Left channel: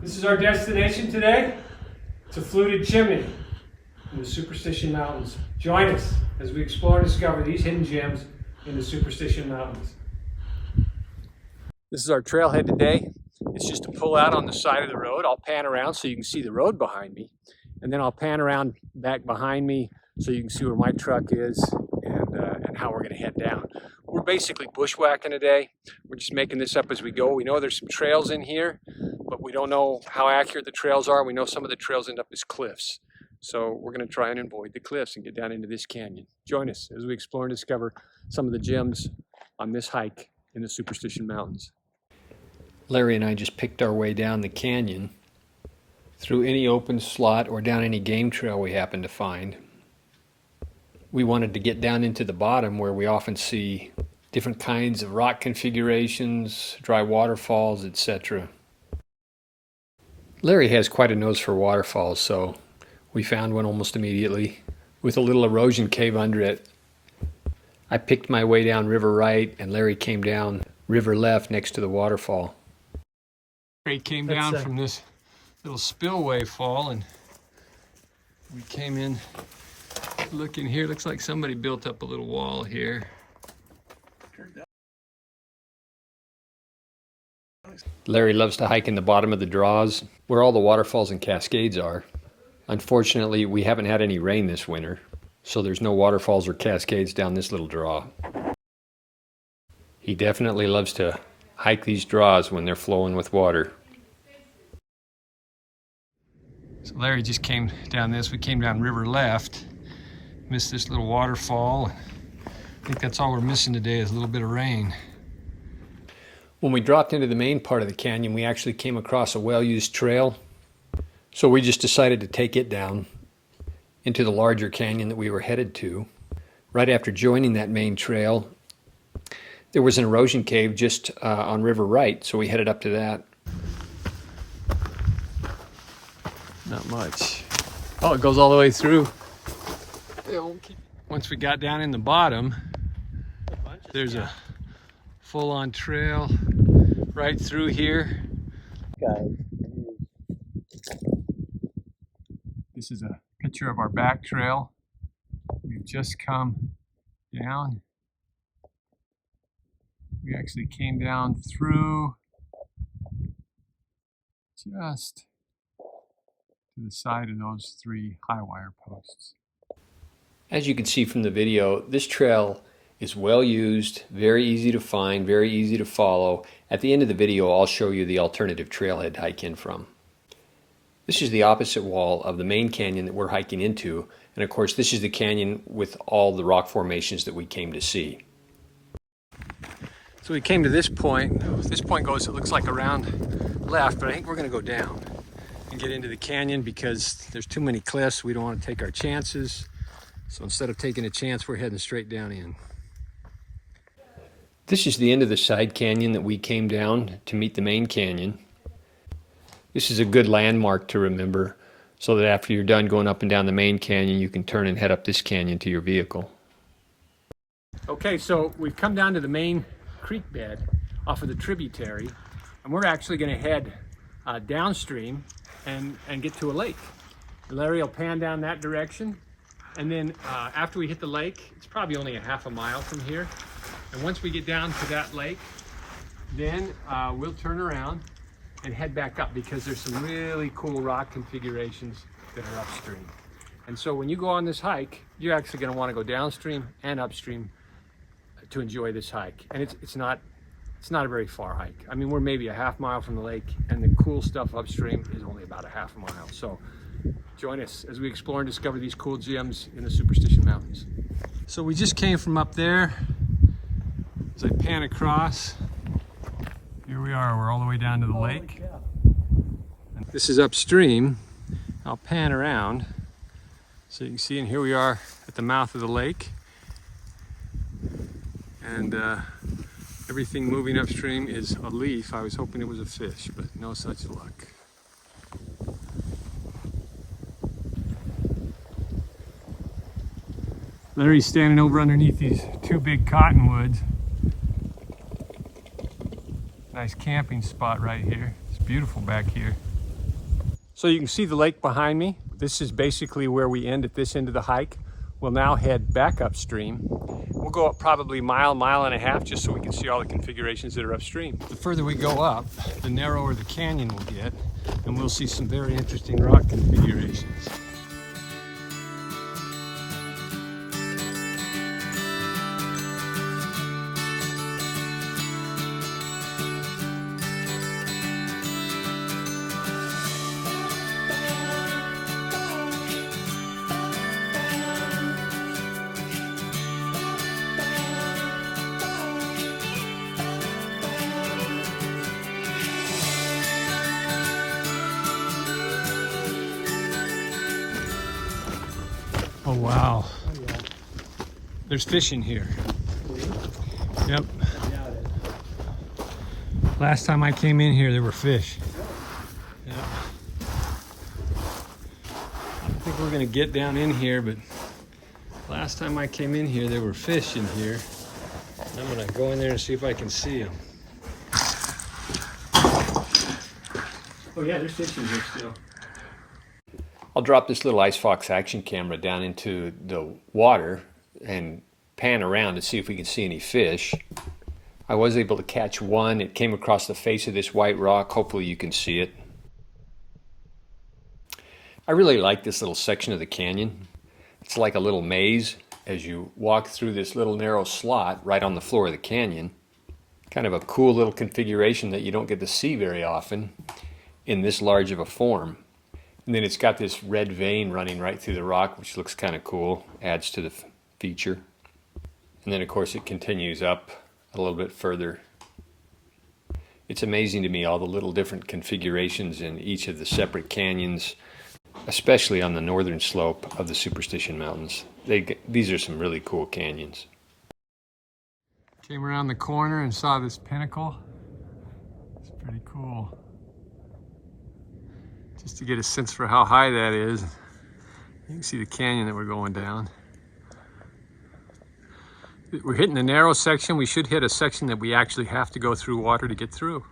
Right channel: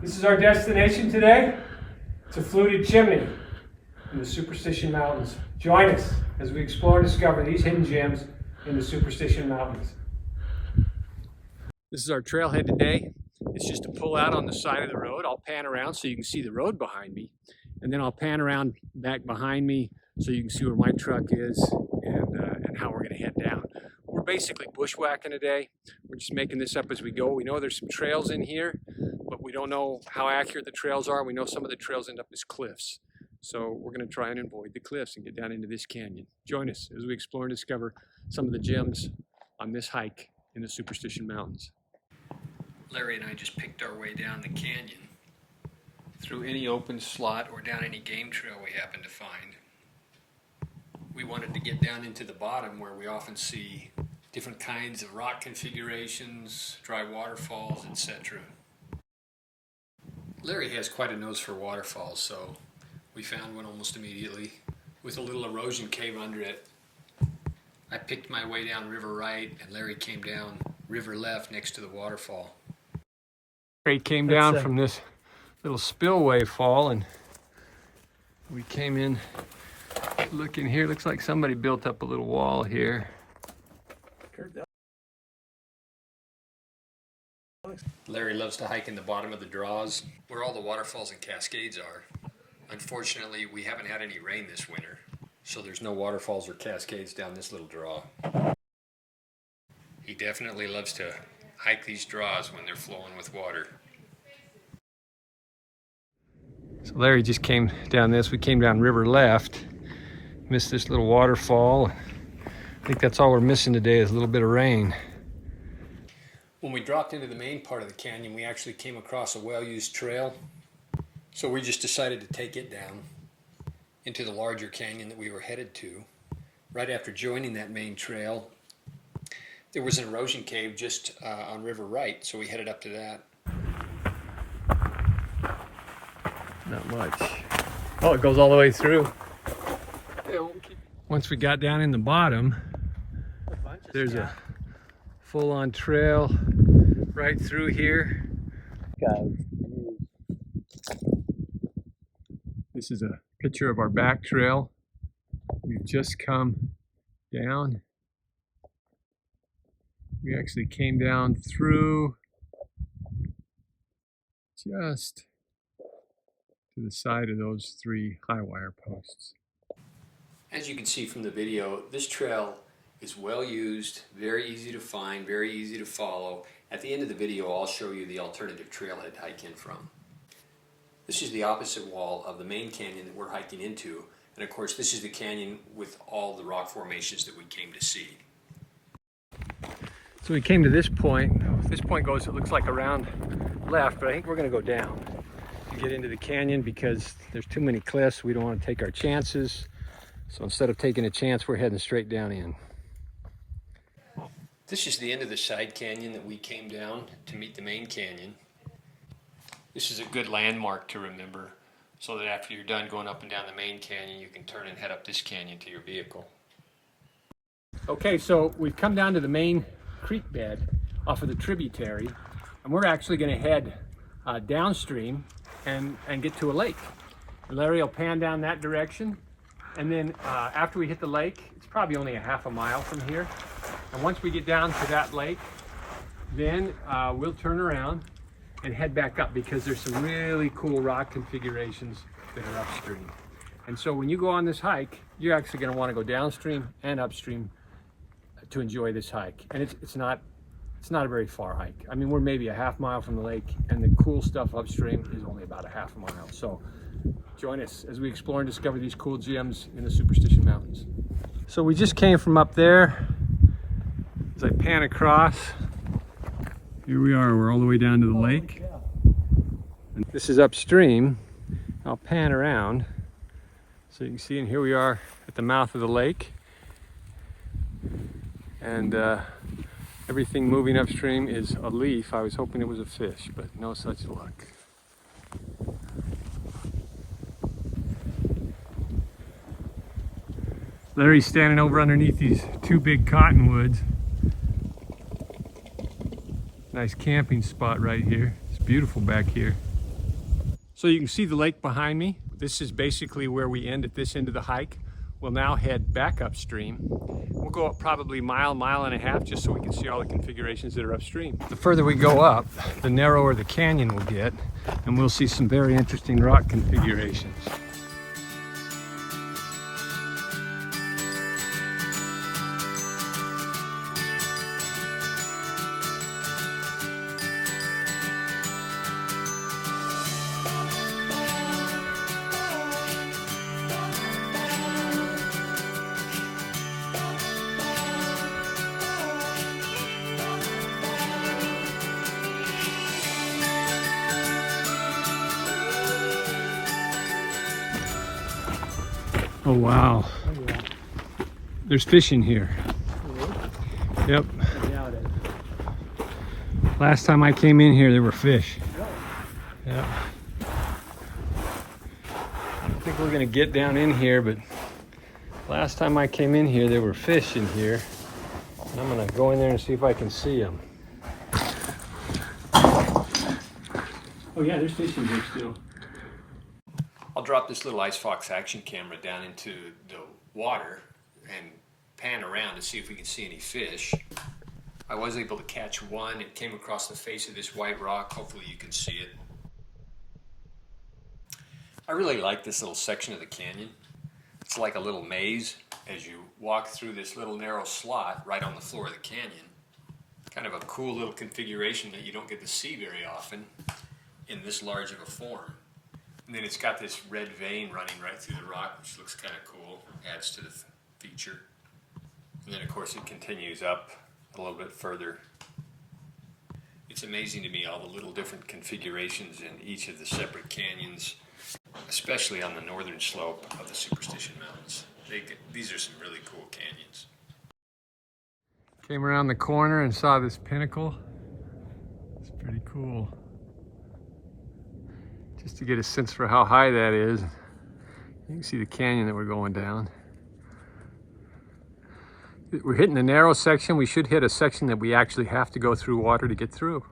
This is our destination today. It's a fluted chimney in the Superstition Mountains. Join us as we explore and discover these hidden gems in the Superstition Mountains. This is our trailhead today. It's just to pull out on the side of the road. I'll pan around so you can see the road behind me. And then I'll pan around back behind me so you can see where my truck is and how we're going to head down. We're basically bushwhacking today. We're just making this up as we go. We know there's some trails in here, but we don't know how accurate the trails are. We know some of the trails end up as cliffs. So we're going to try and avoid the cliffs and get down into this canyon. Join us as we explore and discover some of the gems on this hike in the Superstition Mountains. Larry and I just picked our way down the canyon through any open slot or down any game trail we happened to find. We wanted to get down into the bottom where we often see different kinds of rock configurations, dry waterfalls, etc. Larry has quite a nose for waterfalls, so we found one almost immediately with a little erosion cave under it. I picked my way down river right and Larry came down river left next to the waterfall. Larry came down from this little spillway fall and we came in. Look in here, looks like somebody built up a little wall here. Larry loves to hike in the bottom of the draws where all the waterfalls and cascades are. Unfortunately, we haven't had any rain this winter, so there's no waterfalls or cascades down this little draw. He definitely loves to hike these draws when they're flowing with water. So Larry just came down this. We came down river left. Missed this little waterfall. I think that's all we're missing today is a little bit of rain. When we dropped into the main part of the canyon, we actually came across a well-used trail. So we just decided to take it down into the larger canyon that we were headed to. Right after joining that main trail, there was an erosion cave just on river right, so we headed up to that. Not much. Oh, it goes all the way through. Once we got down in the bottom, there's a full-on trail right through here. This is a picture of our back trail. We've just come down. We actually came down through just to the side of those 3 high wire posts. As you can see from the video, this trail is well used, very easy to find, very easy to follow. At the end of the video, I'll show you the alternative trailhead to hike in from. This is the opposite wall of the main canyon that we're hiking into, and of course this is the canyon with all the rock formations that we came to see. So we came to this point. This point goes, it looks like around left, but I think we're going to go down and get into the canyon because there's too many cliffs. We don't want to take our chances. So instead of taking a chance, we're heading straight down in. This is the end of the side canyon that we came down to meet the main canyon. This is a good landmark to remember so that after you're done going up and down the main canyon, you can turn and head up this canyon to your vehicle. Okay, so we've come down to the main creek bed off of the tributary, and we're actually going to head downstream and get to a lake. Larry will pan down that direction. And then after we hit the lake, it's probably only a half a mile from here. And once we get down to that lake, then we'll turn around and head back up because there's some really cool rock configurations that are upstream. And so when you go on this hike, you're actually going to want to go downstream and upstream to enjoy this hike. And it's not a very far hike. I mean, we're maybe a half mile from the lake, and the cool stuff upstream is only about a half a mile. So join us as we explore and discover these cool gems in the Superstition Mountains. So we just came from up there. As I pan across, here we are, we're all the way down to the lake. And this is upstream. I'll pan around so you can see, and here we are at the mouth of the lake. And everything moving upstream is a leaf. I was hoping it was a fish, but no such luck. Larry's standing over underneath these 2 big cottonwoods. Nice camping spot right here. It's beautiful back here. So you can see the lake behind me. This is basically where we end at this end of the hike. We'll now head back upstream. We'll go up probably mile and a half just so we can see all the configurations that are upstream. The further we go up, the narrower the canyon will get, and we'll see some very interesting rock configurations. Oh wow, there's fish in here. Yep. Last time I came in here there were fish. Yeah. I think we're gonna get down in here, but last time I came in here there were fish in here. And I'm gonna go in there and see if I can see them. Oh yeah, there's fish in here still. I'll drop this little Ice Fox action camera down into the water and pan around to see if we can see any fish. I was able to catch one. It came across the face of this white rock. Hopefully you can see it. I really like this little section of the canyon. It's like a little maze as you walk through this little narrow slot right on the floor of the canyon. Kind of a cool little configuration that you don't get to see very often in this large of a form. And then it's got this red vein running right through the rock, which looks kind of cool, adds to the feature. And then of course it continues up a little bit further. It's amazing to me all the little different configurations in each of the separate canyons, especially on the northern slope of the Superstition Mountains. These are some really cool canyons. Came around the corner and saw this pinnacle. It's pretty cool. Just to get a sense for how high that is. You can see the canyon that we're going down. We're hitting the narrow section. We should hit a section that we actually have to go through water to get through.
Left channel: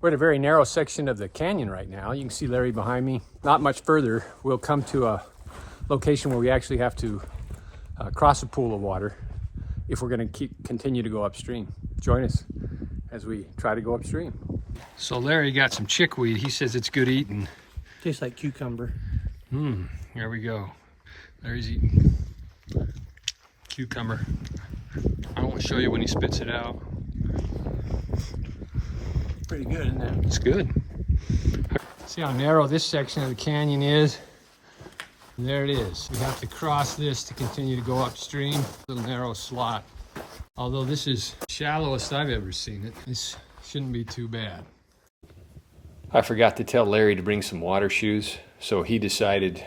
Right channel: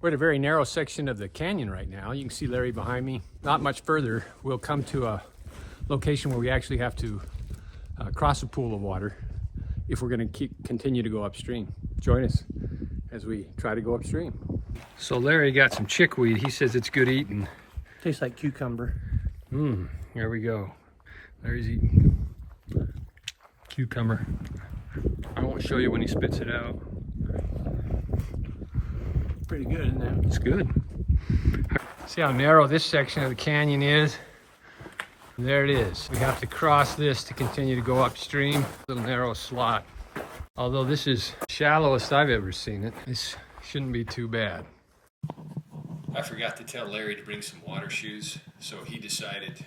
We're at a very narrow section of the canyon right now. You can see Larry behind me. Not much further, we'll come to a location where we actually have to cross a pool of water if we're going to continue to go upstream. Join us as we try to go upstream. So Larry got some chickweed. He says it's good eating. Tastes like cucumber. Here we go. Larry's eating cucumber. I won't show you when he spits it out. Pretty good, isn't it? It's good. See how narrow this section of the canyon is? And there it is. We have to cross this to continue to go upstream. Little narrow slot. Although this is the shallowest I've ever seen it, this shouldn't be too bad. I forgot to tell Larry to bring some water shoes, so he decided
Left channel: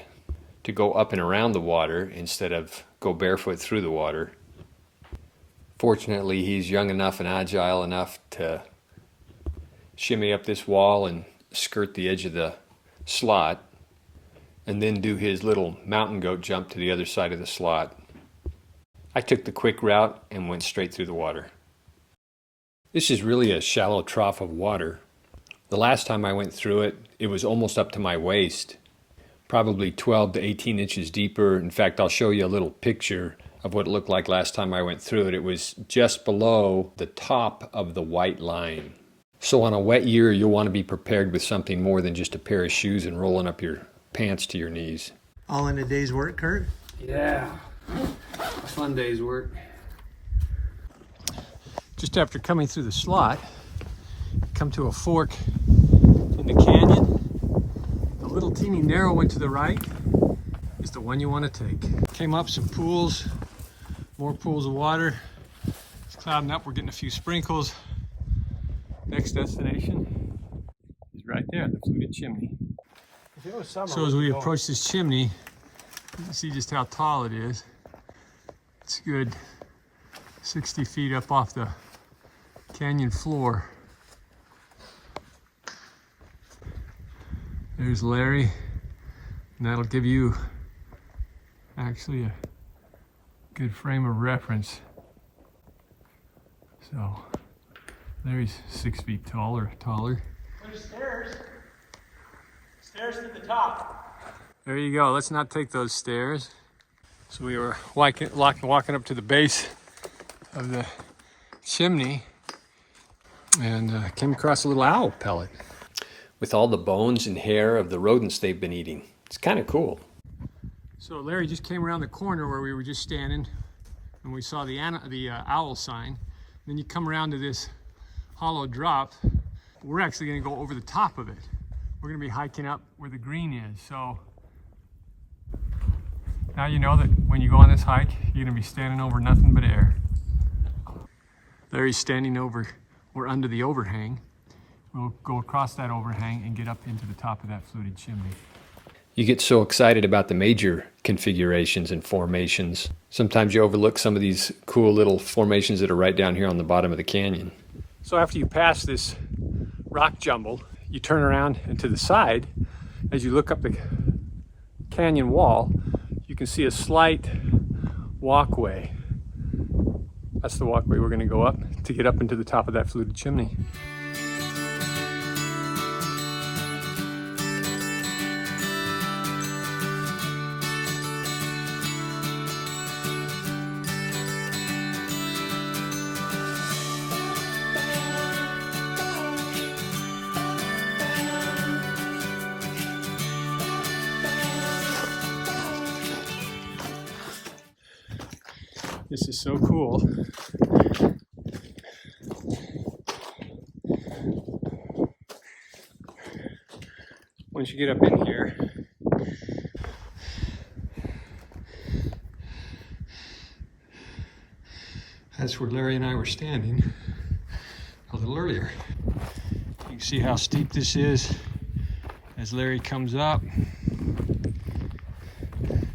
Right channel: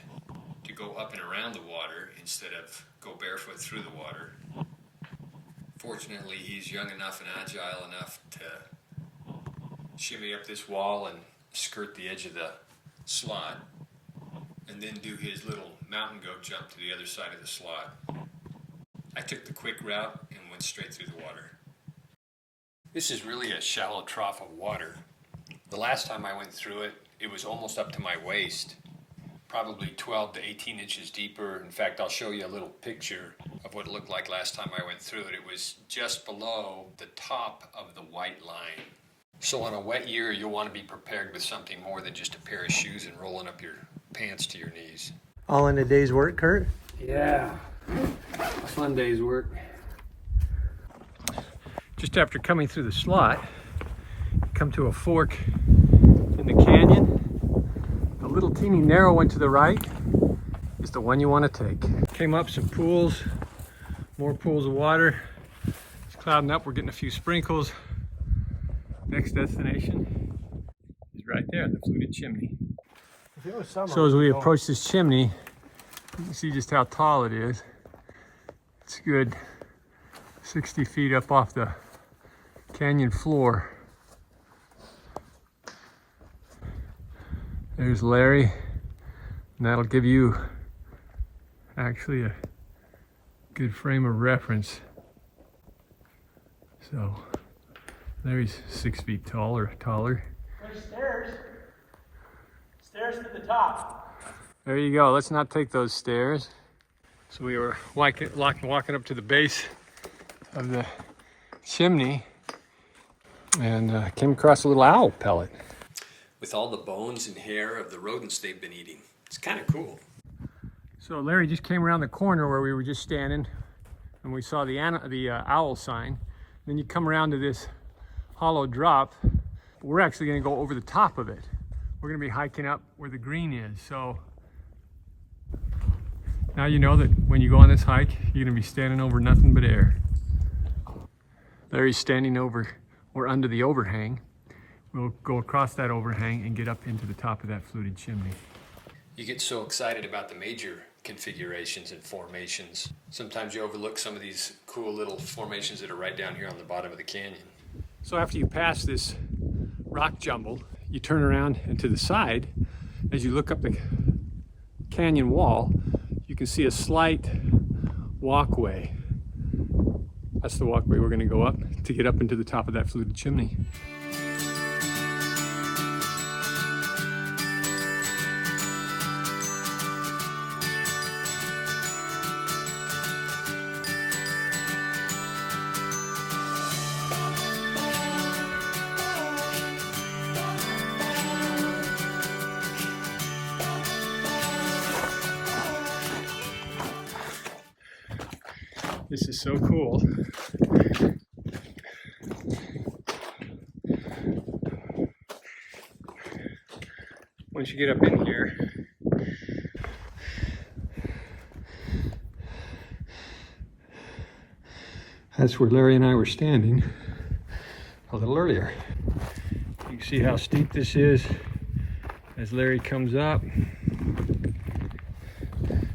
to go up and around the water instead of go barefoot through the water. Fortunately, he's young enough and agile enough to shimmy up this wall and skirt the edge of the slot, and then do his little mountain goat jump to the other side of the slot. I took the quick route and went straight through the water. This is really a shallow trough of water. The last time I went through it, it was almost up to my waist, probably 12 to 18 inches deeper. In fact, I'll show you a little picture of what it looked like last time I went through it. It was just below the top of the white line. So on a wet year, you'll want to be prepared with something more than just a pair of shoes and rolling up your pants to your knees. All in a day's work, Kurt? Yeah, a fun day's work. Just after coming through the slot, come to a fork in the canyon. The little teeny narrow one to the right is the one you want to take. Came up some pools, more pools of water. It's clouding up, we're getting a few sprinkles. Next destination is right there, the fluted chimney. So as we approach this chimney, you can see just how tall it is. It's good 60 feet up off the canyon floor. There's Larry, and that'll give you actually a good frame of reference. So Larry's 6 feet tall or taller. There's stairs. Stairs to the top. There you go. Let's not take those stairs. So we were walking up to the base of the chimney and came across a little owl pellet. With all the bones and hair of the rodents they've been eating. It's kind of cool. So Larry just came around the corner where we were just standing and we saw the owl sign. Then you come around to this hollow drop. We're actually going to go over the top of it. We're going to be hiking up where the green is. So now you know that when you go on this hike, you're going to be standing over nothing but air. Larry's standing over or under the overhang. We'll go across that overhang and get up into the top of that fluted chimney. You get so excited about the major configurations and formations. Sometimes you overlook some of these cool little formations that are right down here on the bottom of the canyon. So after you pass this rock jumble, you turn around and to the side, as you look up the canyon wall, you can see a slight walkway. That's the walkway we're going to go up to get up into the top of that fluted chimney. This is so cool. Once you get up in here, that's where Larry and I were standing a little earlier. You can see how steep this is as Larry comes up.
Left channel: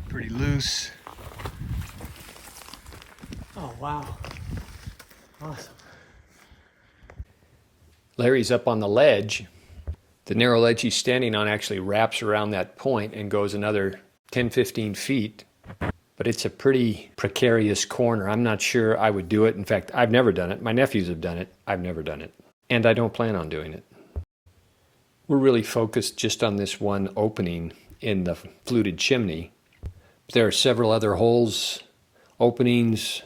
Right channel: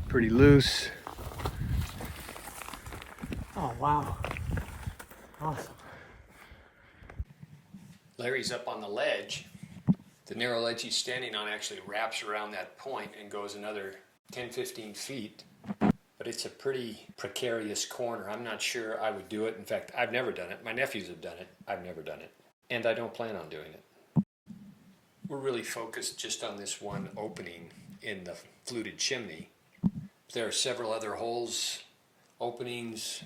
Pretty loose. Oh, wow. Awesome. Larry's up on the ledge. The narrow ledge he's standing on actually wraps around that point and goes another 10-15 feet. But it's a pretty precarious corner. I'm not sure I would do it. In fact, I've never done it. My nephews have done it. I've never done it. And I don't plan on doing it. We're really focused just on this one opening in the fluted chimney. There are several other holes, openings,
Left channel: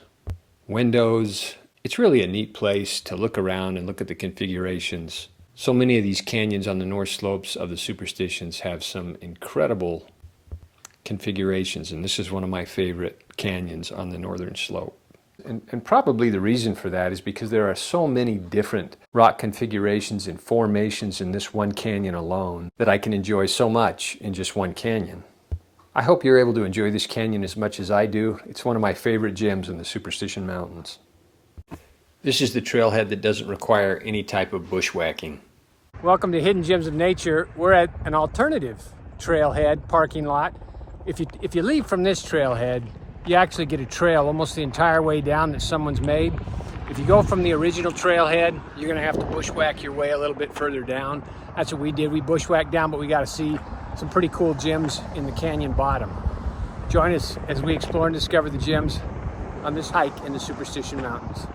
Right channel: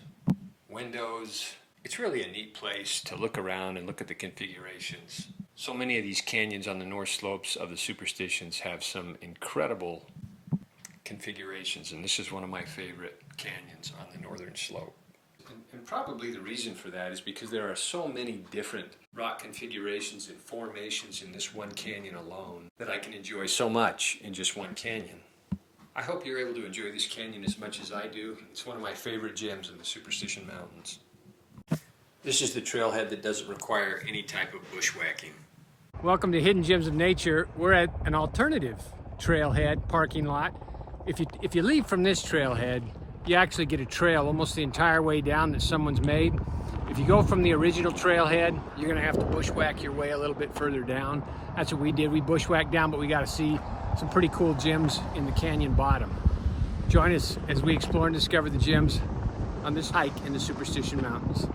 windows. It's really a neat place to look around and look at the configurations. So many of these canyons on the north slopes of the Superstitions have some incredible configurations, and this is one of my favorite canyons on the northern slope. And probably the reason for that is because there are so many different rock configurations and formations in this one canyon alone that I can enjoy so much in just one canyon. I hope you're able to enjoy this canyon as much as I do. It's one of my favorite gems in the Superstition Mountains. This is the trailhead that doesn't require any type of bushwhacking. Welcome to Hidden Gems of Nature. We're at an alternative trailhead parking lot. If you leave from this trailhead, you actually get a trail almost the entire way down that someone's made. If you go from the original trailhead, you're gonna have to bushwhack your way a little bit further down. That's what we did. We bushwhacked down, but we got to see some pretty cool gems in the canyon bottom. Join us as we explore and discover the gems on this hike in the Superstition Mountains.